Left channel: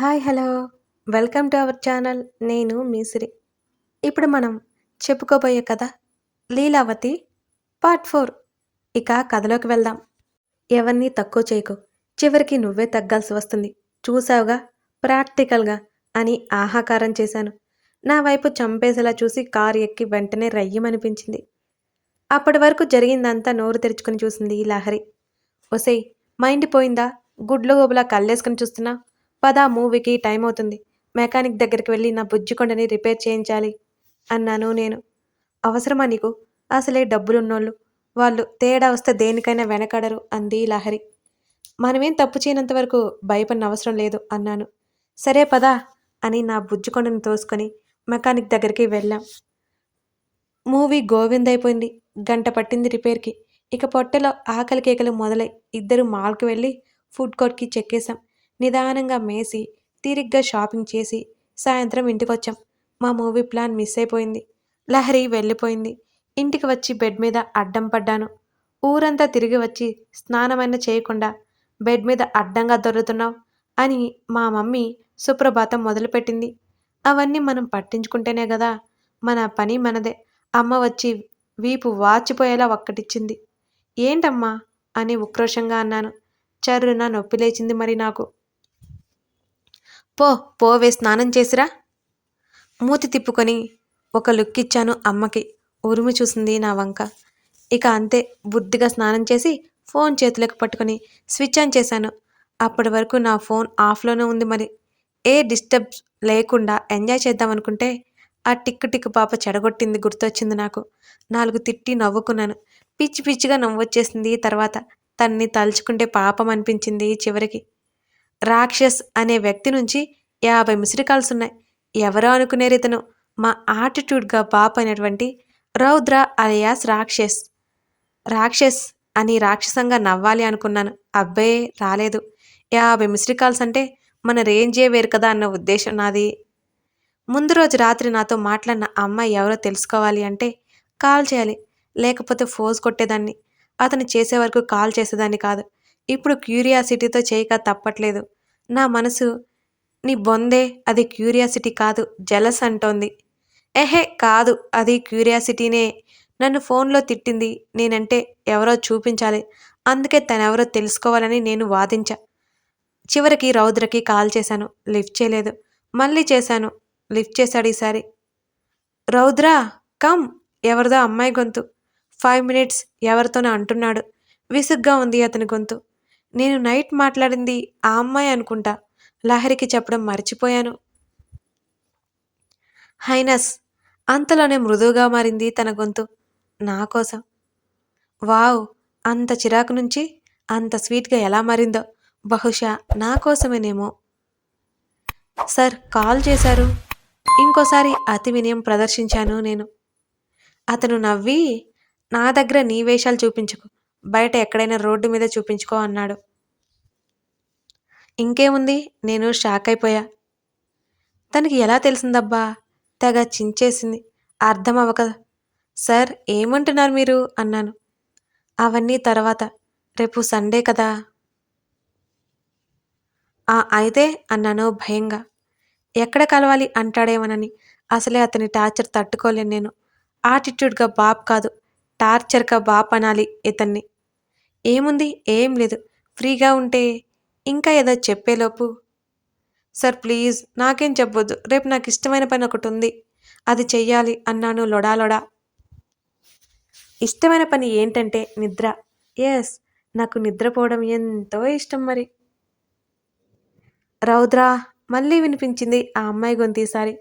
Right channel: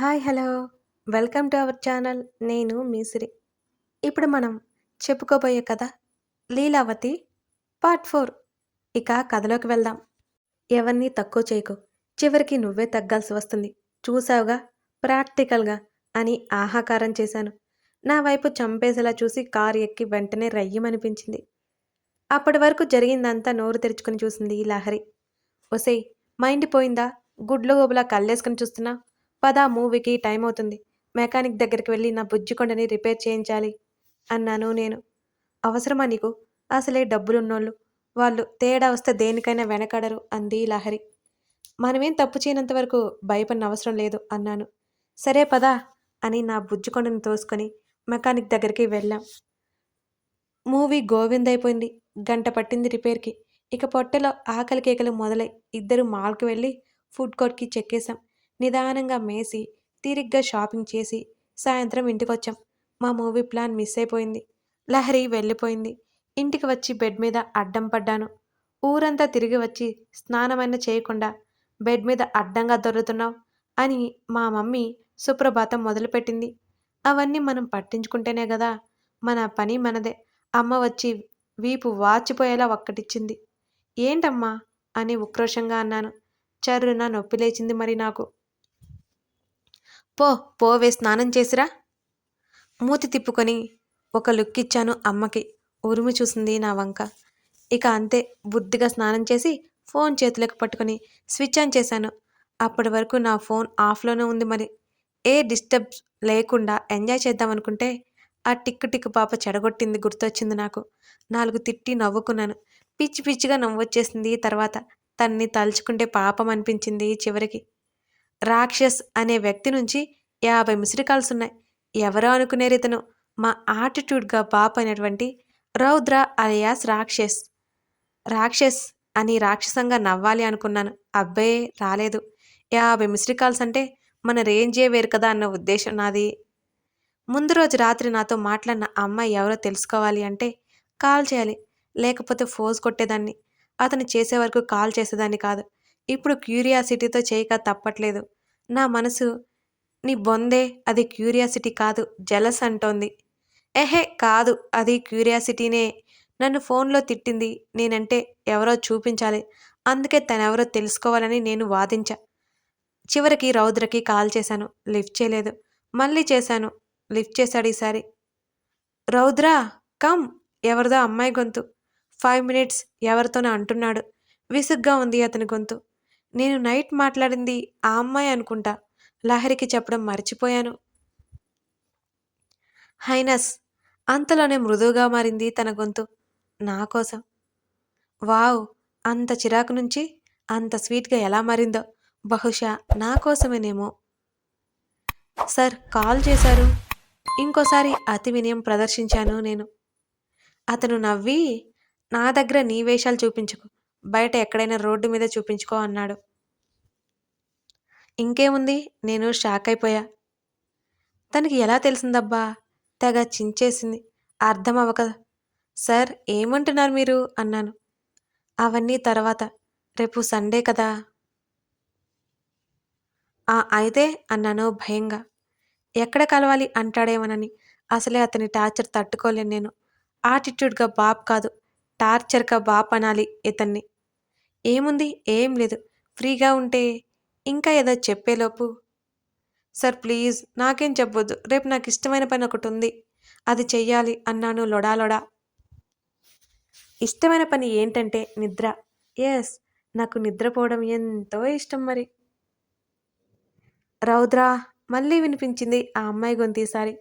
Hi hello. Welcome to our channel. నేను మీసిరి ఇప్పుడు మనం చెప్పుకోబోయే కథ లీలావతి పార్ట్ ఫోర్. ఇక కథలోకి వెళ్దాం. ఎవరిని తక్కువ చేయకు. చివరికి నువ్వే తగ్గాల్సి వస్తుంది. చూసావుగా ప్రాక్టికల్గా అని ఆహాకారం చేశాను. నా వైపు చంపేసేలా చూసి కారు ఎక్కి వెంటనే రయ్యమనిపించింది. అప్పటి వరకు జరిగిందంతా నోరు తెరుచుకుని చూసింది ఈ లహరి. ఒసేయ్ మైండ్ పోయిందా? గుడ్లు గోబులా కళ్ళేసుకుని చూస్తున్నా? పదా మూవీకి టైం అవుతుంది. మెకానిక్ దగ్గరికి వెళ్ళి నా బుజ్జికొండని రిపేర్ చేయించాలి అన్నాను నేను. అవసరమా నీకు? అసలే డబ్బులున్నోళ్ళు. వాళ్ళు తేడా వస్తే దేనికైనా వెనకడరు అంది లహరి. మనమేం తప్పు చేయనంత వరకు భయపడిన అవసరం లేదు అన్నాను. సరే పదా అని నా బుజ్జికొండను తోసుకొని మెకానిక్ దగ్గరికి వెళ్ళాం. మూవీ గోవిందైపోయింది గంట పట్టింది రిపేర్కి. ఇక పొట్టలో ఆకలి కేకలు మొదలై ఇద్దరు మాల్కి వెళ్ళి ఫుడ్ కోర్ట్కి చెక్కేశాం. నిదానంగా మేసి తీరిగ్గా షాపింగ్ చేసి సాయంత్రం ఇంటికొచ్చాం. మా మూవీ ప్లాన్ మిస్ అయిపోయింది. లహరి వెళ్ళిపోయింది. ఇంటికి వచ్చి బెడ్ మీద అడ్డం పడ్డాను. ఊరంతా తిరిగి వచ్చి స్నానమైనా చేయకుండా బెడ్ మీద అడ్డంగా దొరుకుతున్నావు అని మా మమ్మీ సుప్రభాతం మొదలుపెట్టింది. అవన్నీ మనం పట్టించుకుంటేనే కదా మన పని మనదే. అమ్మ వచ్చి వీపు వాచిపోయేలా ఒక్కటిచ్చింది. ఏంటమ్మా? అని ఉక్రోషంగా అన్నాను. చర్రున నొప్పి లేచింది మరి నాకు. పో పోవే స్నానం చేసిరా. మూతి తిప్పుకొని ఒక లుక్ ఇచ్చాను అమ్మకి. ఉరుము చూసింది నా వంక. ఇక అంతే బుద్ధిగా స్నానం చేసి ఫోన్ చేతులకు పట్టుకొని స్విచ్ ఆన్ చేశాను. అప్పటి వరకు నా ఫోన్ ఆఫ్లోనే ఉంది మరి. ఏ డిస్టర్బ్ లేకుండా ఎంజాయ్ చేద్దామనుకుంటే ఆ టిక్కు టిక్కు పాప చెడగొట్టింది గుర్తొచ్చింది నాకు. నాలుగు తిట్టి నవ్వుకున్నాను. పిచ్చి పిచ్చిగా నవ్వొచ్చేసింది తర్వాత. తన్ని తలుచుకుంటే పాపం అనిపించింది చివరికి. రాక్షస్ అనే వ్యక్తి నుంచి యాభై మిస్డ్ కాల్స్ ఉన్నాయి ఎవరో అనుకునే ఇతను. మా ఆటిట్యూడ్గా బాప్ అయినటువంటి రౌద్ర అలియాస్ రాక్షస్. రాక్షస్ అని రాక్షసంగా నవ్వాలి అనుకున్నాను. అబ్బే రాలేదు. యాభై మిస్డ్ కాల్స్ అంటే మన రేంజే వేరు కదా అన్న ఉద్దేశం నాది. ముందు రోజు రాత్రి నాతో మాట్లాడిన అమ్మాయి ఎవరో తెలుసుకోవాలి అంటే కాల్ చేయాలి. లేకపోతే ఫోజ్ కొట్టేదాన్ని. అతను చేసే వరకు కాల్ చేసేదాన్ని కాదు. ఇప్పుడు క్యూరియాసిటీతో చేయక తప్పట్లేదు. నా మనసు నీ బొందే అది క్యూరియాసిటీ కాదు జలస్ అంటోంది. ఎహే కాదు అది క్యూరియాసిటీనే. నన్ను ఫోన్లో తిట్టింది నేనంటే ఎవరో చూపించాలి. అందుకే తనెవరో తెలుసుకోవాలని నేను వాదించా. చివరికి రౌద్రకి కాల్ చేశాను. లిఫ్ట్ చేయలేదు. మళ్ళీ చేశాను. లిఫ్ట్ చేశాడు ఈసారి. రౌద్ర కమ్ ఎవరిదో అమ్మాయి గొంతు. ఫైవ్ మినిట్స్ ఎవరితోనో అంటున్నాడు. విసుగ్గా ఉంది అతని గొంతు. నేను నైట్ మాట్లాడింది ఆ అమ్మాయి అనుకుంటా. లహరికి చెప్పడం మర్చిపోయాను. హైనస్ అంతలోనే మృదువుగా మారింది తన గొంతు. నా కోసం. వావ్ అంత చిరాకు నుంచి అంత స్వీట్గా ఎలా మారిందో. బహుశా నా కోసమేనేమో. సార్ కాల్ చేశారు. ఇంకోసారి అతి వినయం ప్రదర్శించాను నేను. అతను నవ్వి నా దగ్గర నీ వేషాలు చూపించుకో. బయట ఎక్కడైనా రోడ్డు మీద చూపించుకో అన్నాడు. ఇంకేముంది? నేను షాక్ అయిపోయా. తనకి ఎలా తెలిసిందబ్బా? తెగ చించేసింది. అర్థం అవ్వక సార్ ఏమంటున్నారు మీరు? అన్నాను. అవన్నీ తర్వాత. రేపు సండే కదా? ఆ అయితే అన్నాను భయంగా. ఎక్కడ కలవాలి? అంటాడేమోనని. అసలే అతని టార్చర్ తట్టుకోలేను నేను. ఆటిట్యూడ్గా బాప్ కాదు. టార్చర్గా బాప్ అనాలి ఇతన్ని. ఏముంది? ఏం లేదు. ఫ్రీగా ఉంటే ఇంకా ఏదో చెప్పేలోపు. సార్ ప్లీజ్ నాకేం చెప్పొద్దు. రేపు నాకు ఇష్టమైన పని ఒకటి ఉంది అది చెయ్యాలి అన్నాను లొడాలొడా ఇష్టమైన పని ఏంటంటే నిద్ర. ఎస్ నాకు నిద్రపోవడం ఎంతో ఇష్టం మరి. రౌద్రా మళ్ళీ వినిపించింది ఆ అమ్మాయి గొంతీసారి.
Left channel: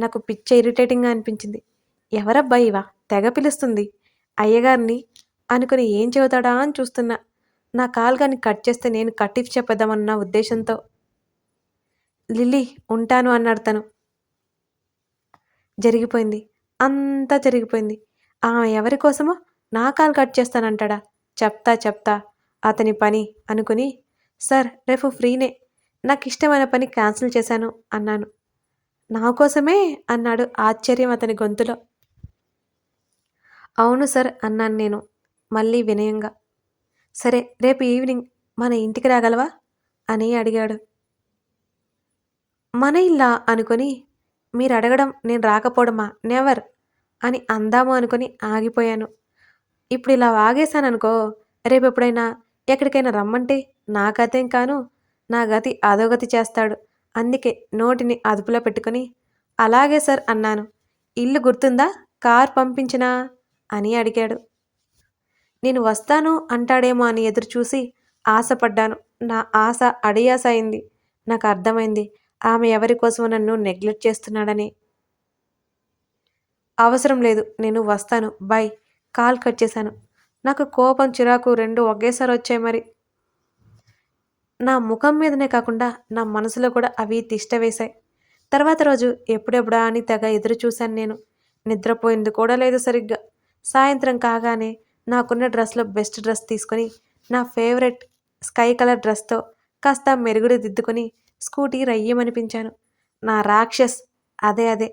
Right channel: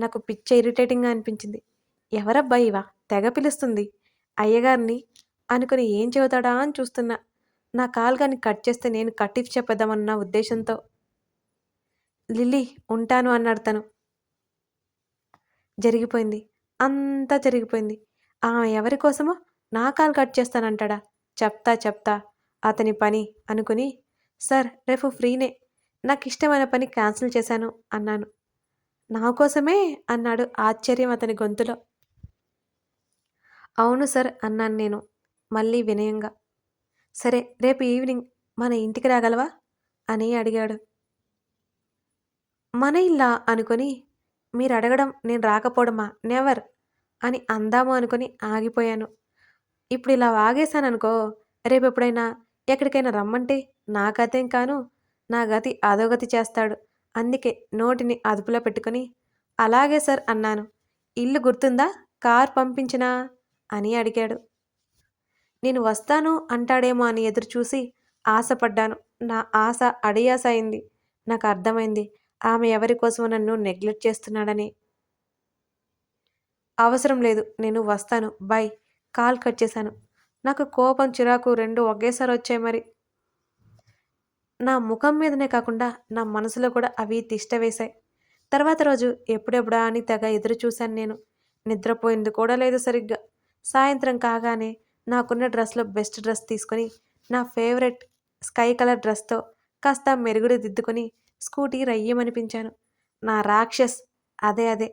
నాకు పిచ్చ ఇరిటేటింగ్గా అనిపించింది. ఎవరబ్బాయి ఇవా? తెగ పిలుస్తుంది. అయ్యగారిని అనుకుని ఏం చెబుతాడా అని చూస్తున్నా. నా కాల్ కానీ కట్ చేస్తే నేను కట్టిఫ్ చెప్పేద్దామన్న ఉద్దేశంతో. లిల్లీ ఉంటాను అన్నాడు తను. జరిగిపోయింది. అంతా జరిగిపోయింది. ఆమె ఎవరి కోసమో నా కాల్ కట్ చేస్తానంటాడా. చెప్తా చెప్తా. అతని పని అనుకుని సార్ రేపు ఫ్రీనే. నాకు ఇష్టమైన పని క్యాన్సిల్ చేశాను అన్నాను. నా కోసమే? అన్నాడు ఆశ్చర్యం అతని గొంతులో. అవును సార్ అన్నాను నేను. మళ్ళీ వినయంగా సరే రేపు ఈవినింగ్ మన ఇంటికి రాగలవా? అని అడిగాడు. మన ఇల్లా? అనుకొని మీరు అడగడం నేను రాకపోవడమా? నెవర్! అని అందాము అనుకొని ఆగిపోయాను. ఇప్పుడు ఇలా ఆగేశాననుకో రేపు ఎప్పుడైనా ఎక్కడికైనా రమ్మంటే నా గతేం కాను నా గతి అధోగతి చేస్తాడు. అందుకే నోటిని అదుపులో పెట్టుకొని అలాగే సార్ అన్నాను. ఇల్లు గుర్తుందా? కార్ పంపించినా? అని అడిగాడు. నేను వస్తాను అంటాడేమో అని ఎదురు చూసి ఆశపడ్డాను. నా ఆశ అడియాస అయింది నాకు అర్థమైంది ఆమె ఎవరి కోసం నన్ను నెగ్లెక్ట్ చేస్తున్నాడని. అవసరం లేదు నేను వస్తాను. బై కాల్ కట్ చేశాను. నాకు కోపం చిరాకు రెండు ఒకేసారి వచ్చాయి మరి. నా ముఖం మీదనే కాకుండా నా మనసులో కూడా అవి తిష్ట వేశాయి. తర్వాత రోజు ఎప్పుడెప్పుడా అని తెగ ఎదురు చూశాను నేను. నిద్రపోయింది కూడా లేదు సరిగ్గా. సాయంత్రం కాగానే నాకున్న డ్రెస్లో బెస్ట్ డ్రెస్ తీసుకొని నా ఫేవరెట్ స్కై కలర్ డ్రెస్తో కాస్త మెరుగుడు దిద్దుకొని స్కూటీ రయ్యమనిపించాను. నా రాక్షస్ అదే అదే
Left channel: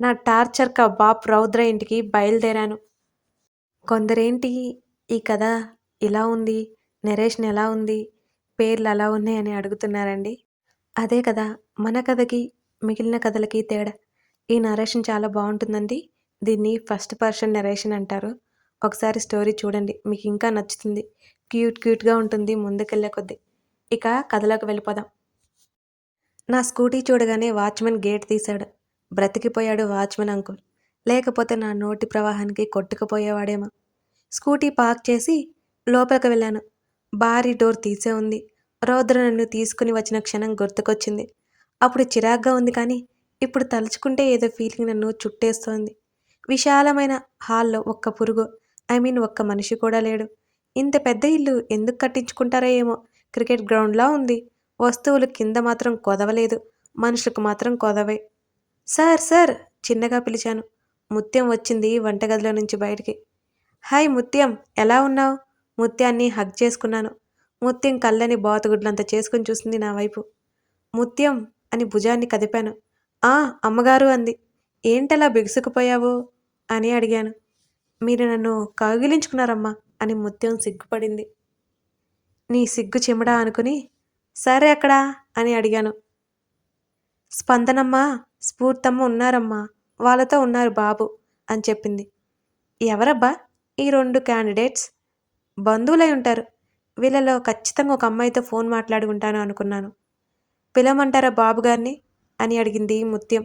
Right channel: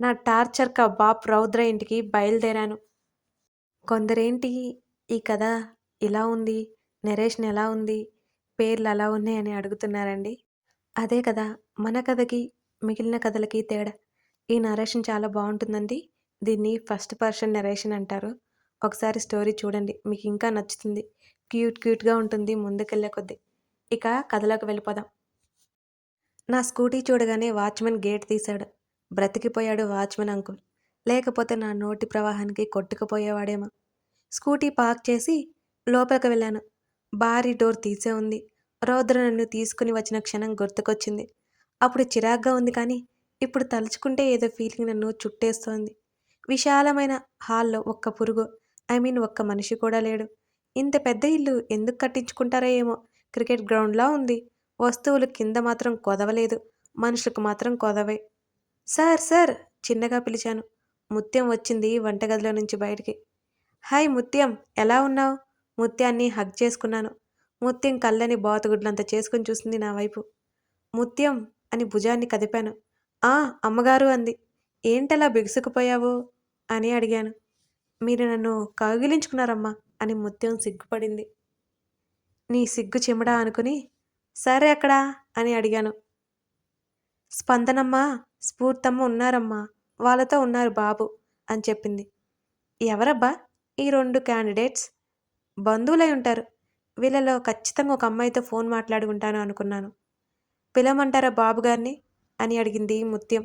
నా టార్చర్ కబాబ్ రౌద్ర ఇంటికి బయలుదేరాను. కొందరేంటి ఈ కథ ఇలా ఉంది నరేషన్ ఎలా ఉంది పేర్లు అలా ఉన్నాయని అడుగుతున్నారండి. అదే కదా మన కథకి మిగిలిన కథలకి తేడా. ఈ నరేషన్ చాలా బాగుంటుందండి. దీన్ని ఫస్ట్ పర్సన్ నరేషన్ అంటారు. ఒకసారి స్టోరీ చూడండి. మీకు ఇంకా నచ్చుతుంది. క్యూట్ క్యూట్గా ఉంటుంది ముందుకెళ్ళే కొద్దీ. ఇక కథలోకి వెళ్ళిపోదాం. నా స్కూటీ చూడగానే వాచ్మెన్ గేట్ తీశాడు. బ్రతికిపోయాడు వాచ్మెన్ అంకుల్. లేకపోతే నా నోటి ప్రవాహానికి కొట్టుకుపోయేవాడేమో. స్కూటీ పార్క్ చేసి లోపలికి వెళ్ళాను. భారీ డోర్ తీసే ఉంది. రౌద్ర నన్ను తీసుకుని వచ్చిన క్షణం గుర్తుకొచ్చింది. అప్పుడు చిరాగ్గా ఉంది కానీ ఇప్పుడు తలుచుకుంటే ఏదో ఫీలింగ్ నన్ను చుట్టేస్తోంది. విశాలమైన హాల్లో ఒక్క పురుగు. ఐ మీన్ ఒక్క మనిషి కూడా లేడు. ఇంత పెద్ద ఇల్లు ఎందుకు కట్టించుకుంటారో ఏమో. క్రికెట్ గ్రౌండ్లా ఉంది. వస్తువులు కింద మాత్రం కొదవలేదు. మనుషులకు మాత్రం కొదవే. సార్ సార్ చిన్నగా పిలిచాను. ముత్యం వచ్చింది వంటగదిలో నుంచి బయటికి. హాయ్ ముత్యం ఎలా ఉన్నావు? ముత్యాన్ని హగ్ చేసుకున్నాను. ముత్యం కళ్ళని బాతుగుడ్లంత చేసుకుని చూసింది నా వైపు. ముత్యం అని భుజాన్ని కదిపాను. ఆ అమ్మగారు అంది. ఏంటలా బిగుసుకుపోయావు? అని అడిగాను. మీరు నన్ను కౌగిలించుకున్నారమ్మా అని ముత్యం సిగ్గుపడింది. నీ సిగ్గు చిమడా అనుకుని సరే అక్కడా అని అడిగాను. స్పందనమ్మ స్ఫూర్తమ్మ ఉన్నారమ్మా వాళ్ళతో ఉన్నారు బాబు అని చెప్పింది. ఎవరబ్బా ఈ రెండు క్యాండిడేట్స్ బంధువులై ఉంటారు. వీళ్ళలో ఖచ్చితంగా ఒక అమ్మాయితో ఫోన్ మాట్లాడి ఉంటాను అనుకున్నాను. పిలవమంటారా బాబు గారిని అని అడిగింది ముత్యం.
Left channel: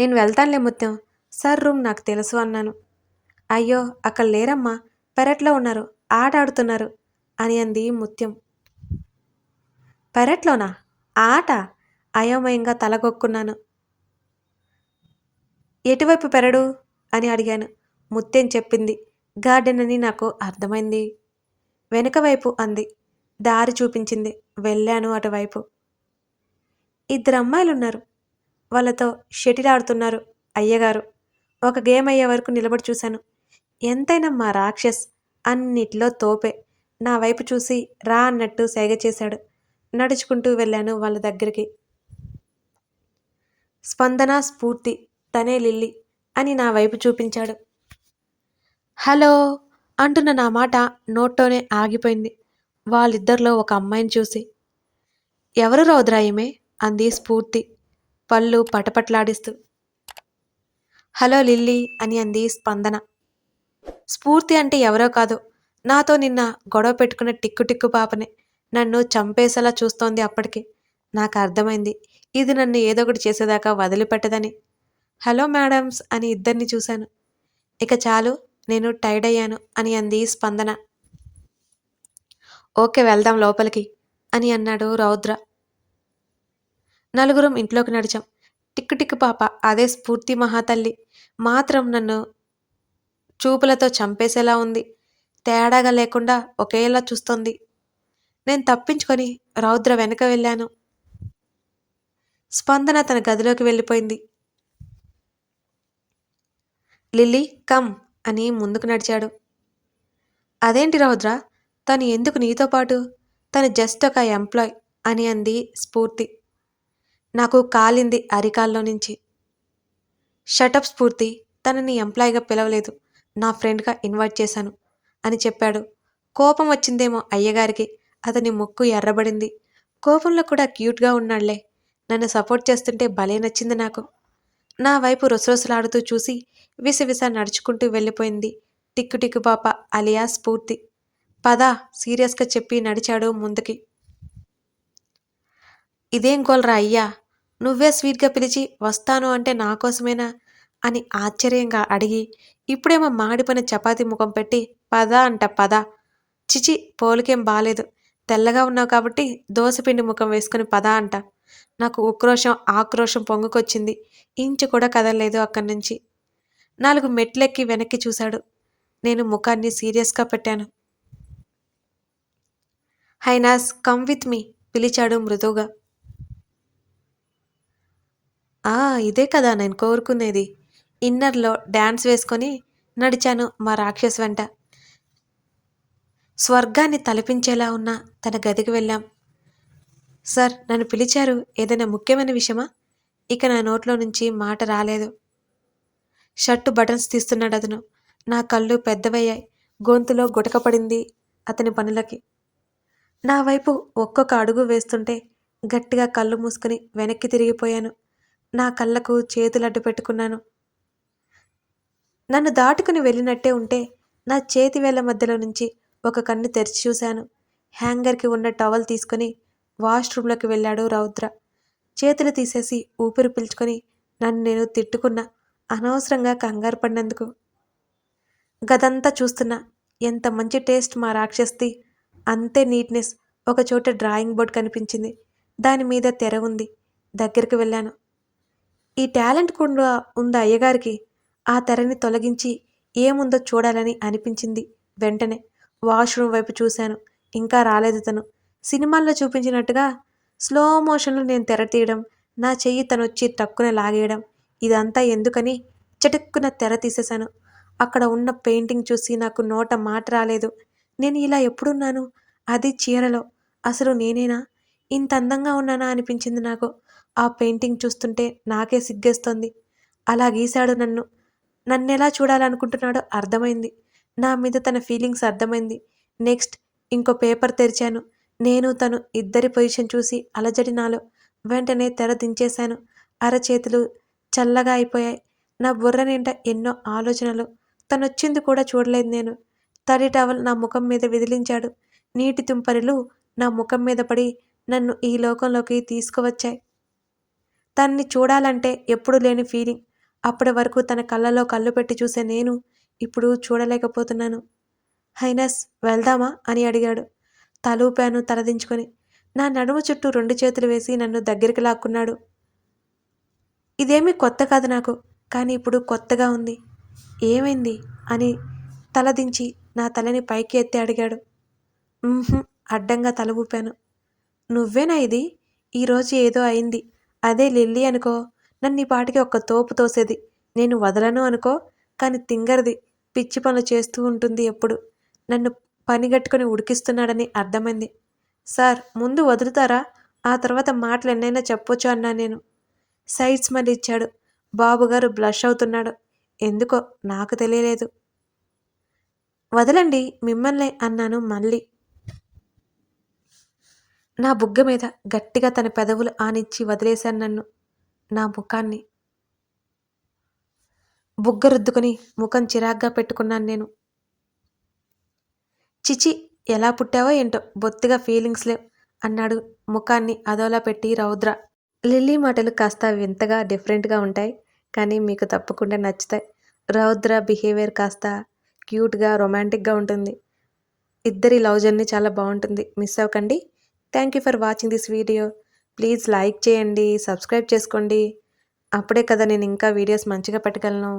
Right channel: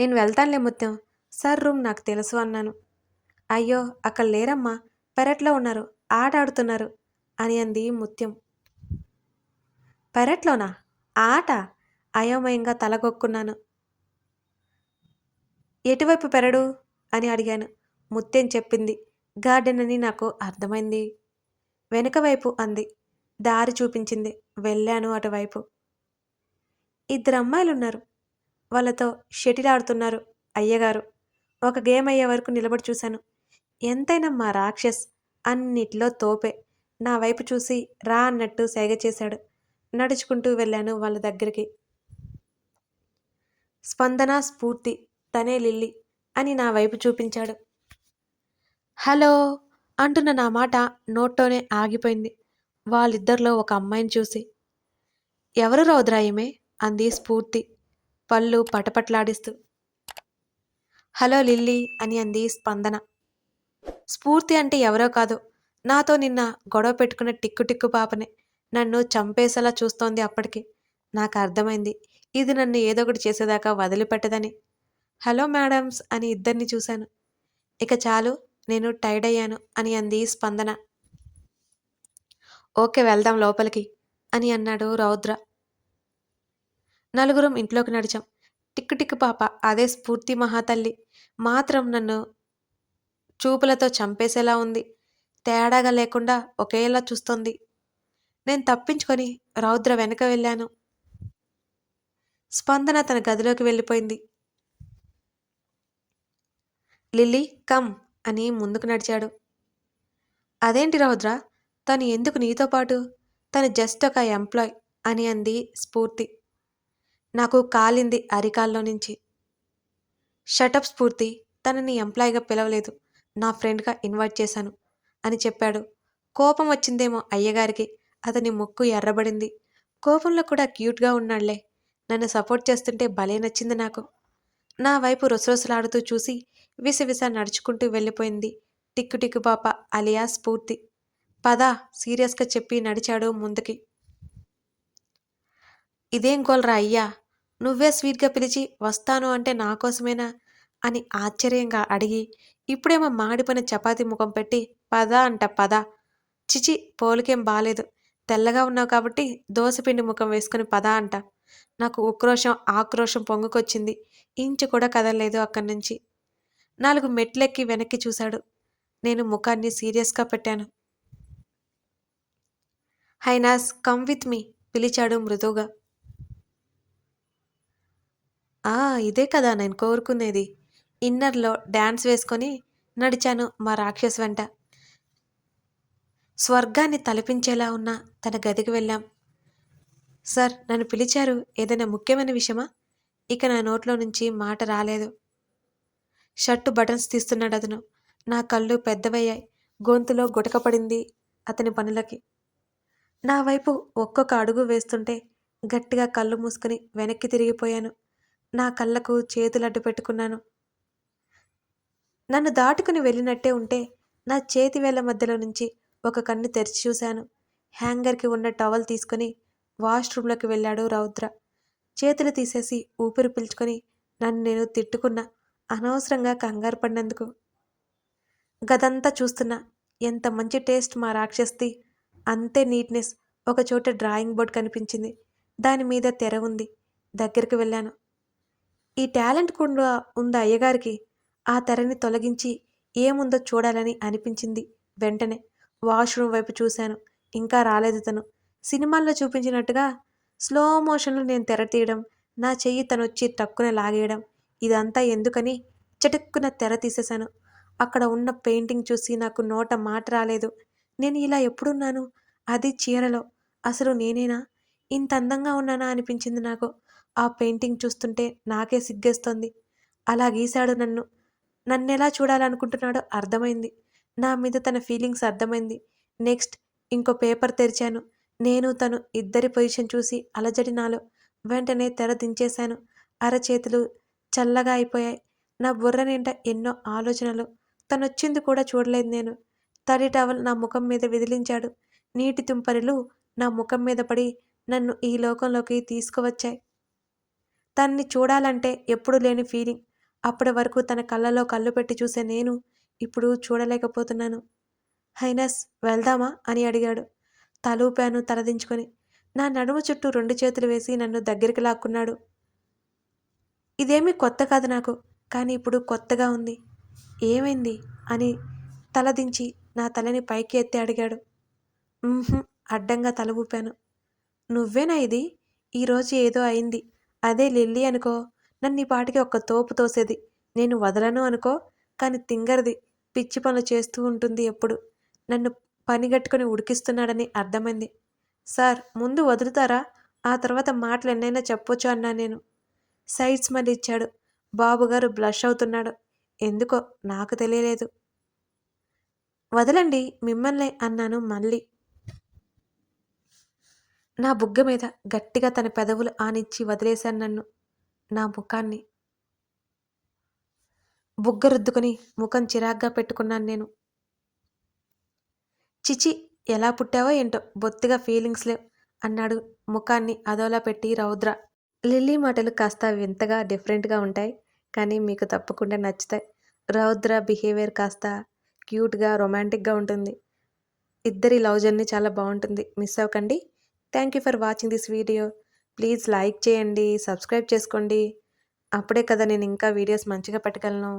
నేను వెళ్తానులే ముత్యం సార్ రూమ్ నాకు తెలుసు అన్నాను. అయ్యో అక్కడ లేరమ్మా. పెరట్లో ఉన్నారు. ఆట ఆడుతున్నారు అని అంది ముత్యం. పెరట్లోనా? ఆట? అయోమయంగా తలగొక్కున్నాను ఎటువైపు పెరడు? అని అడిగాను. ముత్యం చెప్పింది. గార్డెన్ అని నాకు అర్థమైంది. వెనుక వైపు అంది. దారి చూపించింది. వెళ్ళాను అటువైపు. ఇద్దరు అమ్మాయిలు ఉన్నారు వాళ్ళతో షటిల్ ఆడుతున్నారు అయ్యగారు. ఒక గేమ్ అయ్యే వరకు నిలబడి చూశాను. ఎంతైనా మా రాక్షస్ అన్నిట్లో తోపే. నా వైపు చూసి రా అన్నట్టు సేగ చేశాడు. నడుచుకుంటూ వెళ్ళాను వాళ్ళ దగ్గరికి. స్పందన స్ఫూర్తి తనే లిల్లి అని నా వైపు చూపించాడు. హలో అంటున్న నా మాట నోట్లోనే ఆగిపోయింది. వాళ్ళిద్దరిలో ఒక అమ్మాయిని చూసి. ఎవరు రౌద్రాయమే? అంది స్ఫూర్తి పళ్ళు పటపట్లాడిస్తూ. హలో లిల్లీ అని అంది స్పందన. స్ఫూర్తి అంటే ఎవరో కాదు. నాతో నిన్న గొడవ పెట్టుకున్న టిక్కు టిక్కు పాపనే నన్ను చంపేసేలా చూస్తోంది అప్పటికి. నాకు అర్థమైంది. ఇది నన్ను ఏదో ఒకటి చేసేదాకా వదిలిపెట్టదని. హలో మేడమ్స్ అని ఇద్దరిని చూశాను. ఇక చాలు నేను టైర్డ్ అయ్యాను అని అంది స్పందన. ఓకే వెళ్దాం లోపలికి అని అన్నాడు రౌద్ర. నలుగురం ఇంట్లోకి నడిచాం. టిక్కు టిక్కు పాప. అదే స్ఫూర్తి మహాతల్లి. మాత్రం నన్ను చూపులతో చంపేసేలా ఉంది. తేడాగా లేకుండా ఒకేలా చూస్తోంది. నేను తప్పించుకొని రౌద్ర వెనక వెళ్ళాను. స్పందన తన గదిలోకి వెళ్ళిపోయింది. లిల్లీ కమ్ అని ముందుకు నడిచాడు. అదేంటి రౌద్ర? తను ఎందుకు నీతో పాటు? తను జస్ట్ ఒక ఎంప్లాయ్ అని అంది స్ఫూర్తి. నాకు కాలింది అరికాల్లో నుంచి. షటప్ స్ఫూర్తి తనని ఎంప్లాయ్గా పిలవలేదు. నా ఫ్రెండ్గా ఇన్వైట్ చేశాను అని చెప్పాడు. కోపం వచ్చిందేమో అయ్యగారికి. అతని ముక్కు ఎర్రబడింది. కోపంలో కూడా క్యూట్గా ఉన్నాడులే నన్ను సపోర్ట్ చేస్తుంటే భలే నచ్చింది నాకు. నా వైపు రొసరొసలాడుతూ చూసి విసవిస నడుచుకుంటూ వెళ్ళిపోయింది టిక్కు టిక్కు పాప అలియా స్ఫూర్తి. పద సీరియస్గా చెప్పి నడిచాడు ముందుకి. ఇదేం గోల్రా అయ్యా? నువ్వే స్వీట్గా పిలిచి వస్తాను అంటే నా కోసమేనా? అని ఆశ్చర్యంగా అడిగి ఇప్పుడేమో మాడిపోయిన చపాతీ ముఖం పెట్టి పద అంట పద. చిచి పోలికేం బాలేదు. తెల్లగా ఉన్నావు కాబట్టి దోసపిండి ముఖం వేసుకుని పద అంట. నాకు ఉక్రోషం ఆక్రోషం పొంగుకొచ్చింది. ఇంచు కూడా కదలలేదు అక్కడి నుంచి. నాలుగు మెట్లెక్కి వెనక్కి చూశాడు. నేను ముఖాన్ని సీరియస్గా పెట్టాను. హైనాస్ కమ్ విత్ మీ పిలిచాడు మృదువుగా. ఆ ఇదే కదా నేను కోరుకునేది. ఇన్నర్లో డ్యాన్స్ వేసుకొని నడిచాను మా రాక్షస్ వెంట. స్వర్గాన్ని తలపించేలా ఉన్న తన గదికి వెళ్ళాం. సార్ నన్ను పిలిచారు ఏదైనా ముఖ్యమైన విషయమా? ఇక నా నోట్లో నుంచి మాట రాలేదు. షర్టు బటన్స్ తీస్తున్నాడు అతను. నా కళ్ళు పెద్దవయ్యాయి. గొంతులో గుటకపడింది అతని పనులకి. నా వైపు ఒక్కొక్క అడుగు వేస్తుంటే గట్టిగా కళ్ళు మూసుకుని వెనక్కి తిరిగిపోయాను. నా కళ్ళకు చేతులు అడ్డు పెట్టుకున్నాను. నన్ను దాటుకుని వెళ్ళినట్టే ఉంటే నా చేతి వేళ్ళ మధ్యలో నుంచి ఒక కన్ను తెరిచి చూశాను. హ్యాంగర్కి ఉన్న టవల్ తీసుకొని వాష్రూమ్లోకి వెళ్ళాడు రౌద్ర. చేతులు తీసేసి ఊపిరి పీల్చుకొని నన్ను నేను తిట్టుకున్నా అనవసరంగా కంగారు పడినందుకు. గదంతా చూస్తున్నా ఎంత మంచి టేస్ట్ మా రాక్షస్ది. అంతే నీట్నెస్ ఒక చోట డ్రాయింగ్ బోర్డ్ కనిపించింది. దాని మీద తెర ఉంది. దగ్గరికి వెళ్ళాను. ఈ టాలెంట్ కూడా ఉంది అయ్యగారికి? ఆ తెరని తొలగించి ఏముందో చూడాలని అనిపించింది వెంటనే. వాష్రూమ్ వైపు చూశాను. ఇంకా రాలేదు తను. సినిమాల్లో చూపించినట్టుగా స్లో మోషన్లో నేను తెర తీయడం నా చెయ్యి తనొచ్చి వచ్చి టక్కున లాగేయడం ఇదంతా ఎందుకని చటుక్కున తెర తీసేశాను. అక్కడ ఉన్న పెయింటింగ్ చూసి నాకు నోట మాట రాలేదు. నేను ఇలా ఎప్పుడున్నాను? అది చీరలో. అసలు నేనేనా? ఇంత అందంగా ఉన్నానా? అనిపించింది నాకు. ఆ పెయింటింగ్ చూస్తుంటే నాకే సిగ్గేస్తోంది. అలా గీశాడు నన్ను. నన్నెలా చూడాలనుకుంటున్నాడో అర్థమైంది. నా మీద తన ఫీలింగ్స్ అర్థమైంది. నెక్స్ట్ ఇంకో పేపర్ తెరిచాను. నేను తను ఇద్దరి పొజిషన్ చూసి అలజడి నాలో వెంటనే తెర దించేశాను. అరచేతులు చల్లగా అయిపోయాయి. నా బుర్ర నిండా ఎన్నో ఆలోచనలు. తనొచ్చింది కూడా చూడలేదు నేను. తడి టవల్ నా ముఖం మీద విదిలించాడు. నీటి తుంపరులు నా ముఖం మీద పడి నన్ను ఈ లోకంలోకి తీసుకువచ్చాయి. తన్ని చూడాలంటే ఎప్పుడు లేని ఫీలింగ్ అప్పటి వరకు తన కళ్ళలో కళ్ళు పెట్టి చూసే నేను ఇప్పుడు చూడలేకపోతున్నాను. హైనస్ వెళ్దామా? అని అడిగాడు. తలూపాను తలదించుకొని. నా నడుము చుట్టూ రెండు చేతులు వేసి నన్ను దగ్గరికి లాక్కున్నాడు. ఇదేమీ కొత్త కాదు నాకు కానీ ఇప్పుడు కొత్తగా ఉంది. ఏమైంది? అని తలదించి నా తలని పైకి ఎత్తి అడిగాడు. అడ్డంగా తల ఊపాను. నువ్వేనా ఇది? ఈరోజు ఏదో అయింది. అదే లిల్లీ అనుకో. నన్ను ఈ పాటికి ఒక్క తోపు తోసేది. నేను వదలను అనుకో కానీ తింగరది పిచ్చి పనులు చేస్తూ ఉంటుంది ఎప్పుడు. నన్ను పనిగట్టుకుని ఉడికిస్తున్నాడని అర్థమైంది. సార్ ముందు వదులుతారా? ఆ తర్వాత మాటలు ఎన్నైనా చెప్పొచ్చు అన్నా నేను. సైడ్స్ మళ్ళీ ఇచ్చాడు. బాబుగారు బ్లష్ అవుతున్నాడు. ఎందుకో నాకు తెలియలేదు. వదలండి మిమ్మల్ని అన్నాను మళ్ళీ. నా బుగ్గ మీద గట్టిగా తన పెదవులు ఆనిచ్చి వదిలేశాను నన్ను. నా ముఖాన్ని బుగ్గ రుద్దుకొని ముఖం చిరాగ్గా పెట్టుకున్నాను నేను. చిచి ఎలా పుట్టావో ఏంటో బొత్తిగా ఫీలింగ్స్ లేవు అన్నాడు ముఖాన్ని అదోలా పెట్టి రౌద్ర. లిల్లీ మాటలు కాస్త వింతగా డిఫరెంట్గా ఉంటాయి కానీ మీకు తప్పకుండా నచ్చుతాయి. రౌద్ర బిహేవియర్ కాస్త క్యూట్గా రొమాంటిక్గా ఉంటుంది. ఇద్దరి లవ్ జర్నీ చాలా బాగుంటుంది. మిస్ అవ్వకండి. Thank you for watching this video please like చేయండి సబ్స్క్రైబ్ చేసుకోండి. అప్పుడే కదా నేను ఇంకా వీడియోస్ మంచిగా పెట్టగలను.